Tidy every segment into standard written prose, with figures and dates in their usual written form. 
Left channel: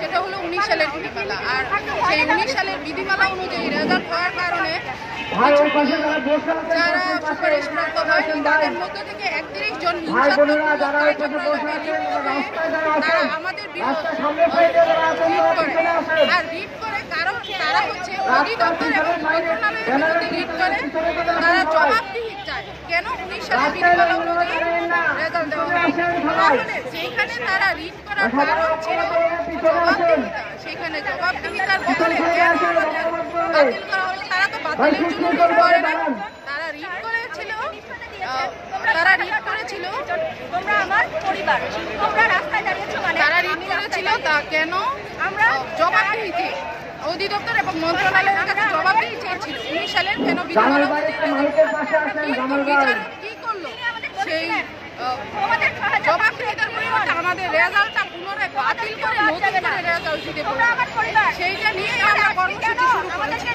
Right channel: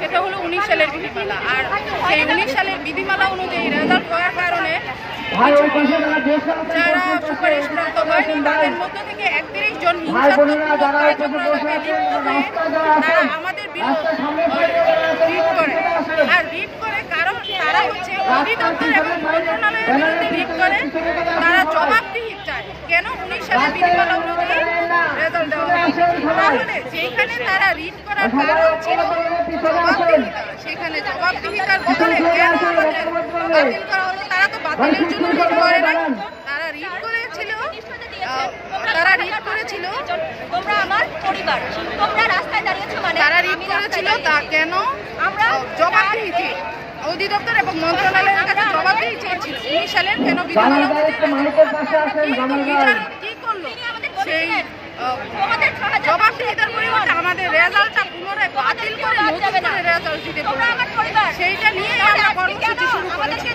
সেটা হলো 19 সালের বিধিমালা। আর সেই 19 সালের বিধিমালা অনুযায়ী রেজাল্ট হওয়ার কারণে যারা সুপারিশপ্রাপ্ত হয়নি তাদের মধ্য থেকে 31 জন হিংসাত্মক কার্যকলাপে লিপ্ত হয়ে তারা আমাদের রিট করে। আর রিট করে কারণ তারা হচ্ছে অধিদপ্তর এবং মন্ত্রণালয়ের বিরুদ্ধে রিট করে। তারা জবাবদিহি চায় কেন 19 সালের বিধিমালা অনুযায়ী রেজাল্ট দেওয়া হয়। তাহলে যেখানে তারা রিট করার কারণ ছিল জবাবদিহিতা, সেখানে জবাবদিহিতার বদলে কেন আমাদের বাতিল করা হলো? তারা তো বাতিলের জন্য রিট করে নাই, তারা রিট করেছিল তারা রিট করেছিল তা কেন জবাবদিহিতে অধিদপ্তর এবং মন্ত্রণালয়ের কাছে জবাবদিহি চেয়েছিল 19 সালের কেন বিধিমালা কিন্তু বিচারক কি করলো? সেই জবাবদিহিতার পরিবর্তে আমাদের রেজাল্টটা পুনরায় বাতিল করে নতুন করে রেজাল্ট দিতে বলল। সেইটা নিয়েই আমরা কর্মসূচি শুরু করেছি।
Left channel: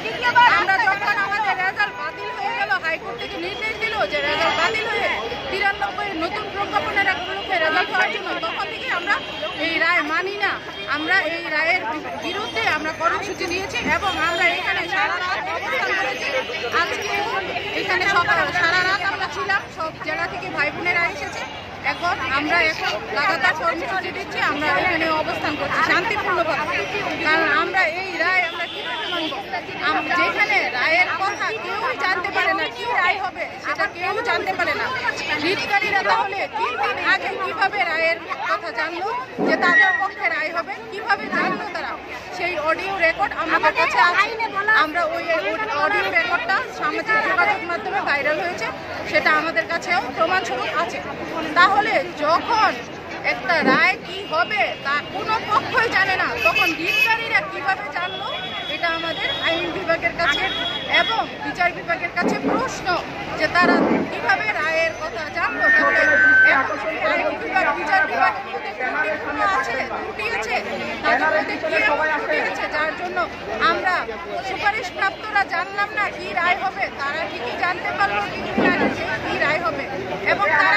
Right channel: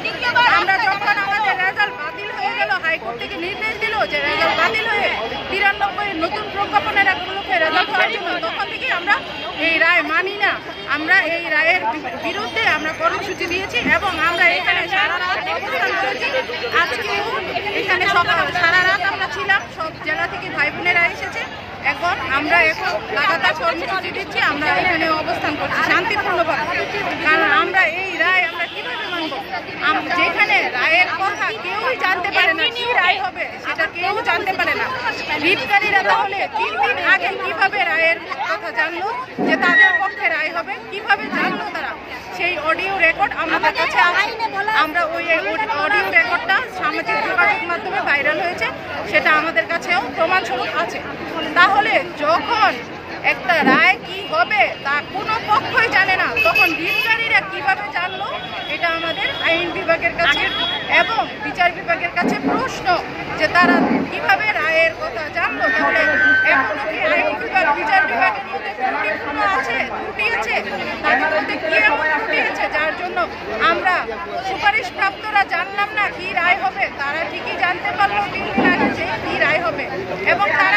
আমরা যখন আমাদের রেজাল্ট বাতিল হয়ে গেল, হাইকোর্ট থেকে নির্দেশ দিল যে রেজাল্ট বাতিল হয়ে 93 নতুন প্রজ্ঞাপনের উপলক্ষে রেজাল্ট হওয়ার জন্য, তখন থেকে আমরা এই রায় মানি না। আমরা এই রায়ের বিরুদ্ধে আমরা কর্মসূচি দিয়েছি এবং আমরা এখানে সারা রাত অবস্থান করেছি। আজকে এখানে সারা রাত আমরা ছিলাম, সব জেলা থেকে ভাই বোনেরা এসেছে। আমরা এখন লাগাতার কর্মসূচি দিচ্ছি, আমরা এখানে অবস্থান করছি শান্তিপূর্ণভাবে। কারণ আমরা এই রায় আমরা কিভাবে মানব? যেখানে রায়ের কথা কেউই জানতে পারে না, কি রায় হবে সেটা কেউ জানতে পারে না। রিটকারীরা তাহলে 3 দিন আগে কিভাবে রায়ের কথা জানলো যে তাদের পক্ষে রায় হবে? কিভাবে জানলো তারা? সেই অডিও রেকর্ড আমাদের কাছে আছে। আমরা ওই অডিও রেকর্ডটা সামাজিক যোগাযোগ মাধ্যমে ভাইরাল হয়েছে, সেটা আমাদের কাছেও প্রমাণস্বরূপ আছে। তাহলে যখন একটা রায় কি হবে তা কোনো পক্ষই জানে না, তখন রিটকারীরা কিভাবে জানলো? এটা আমাদের আইন বিভাগের কাছে এবং বিচার বিভাগের কাছে প্রশ্ন যে তারা কিভাবে রায়ের কথা জানলো। তাহলে এখনো কি আইন বিভাগ বিচার বিভাগের মধ্যে ত্রুটি আছে? তাদের মধ্যে কি এমন ত্রুটি আছে যার জন্য আমরা সুপারিশপ্রাপ্তরা জানলাম না কি রায় হবে? তারা ঠিকই জানতে পারলো 3 দিন আগে যে কি রায় হবে এবং তারা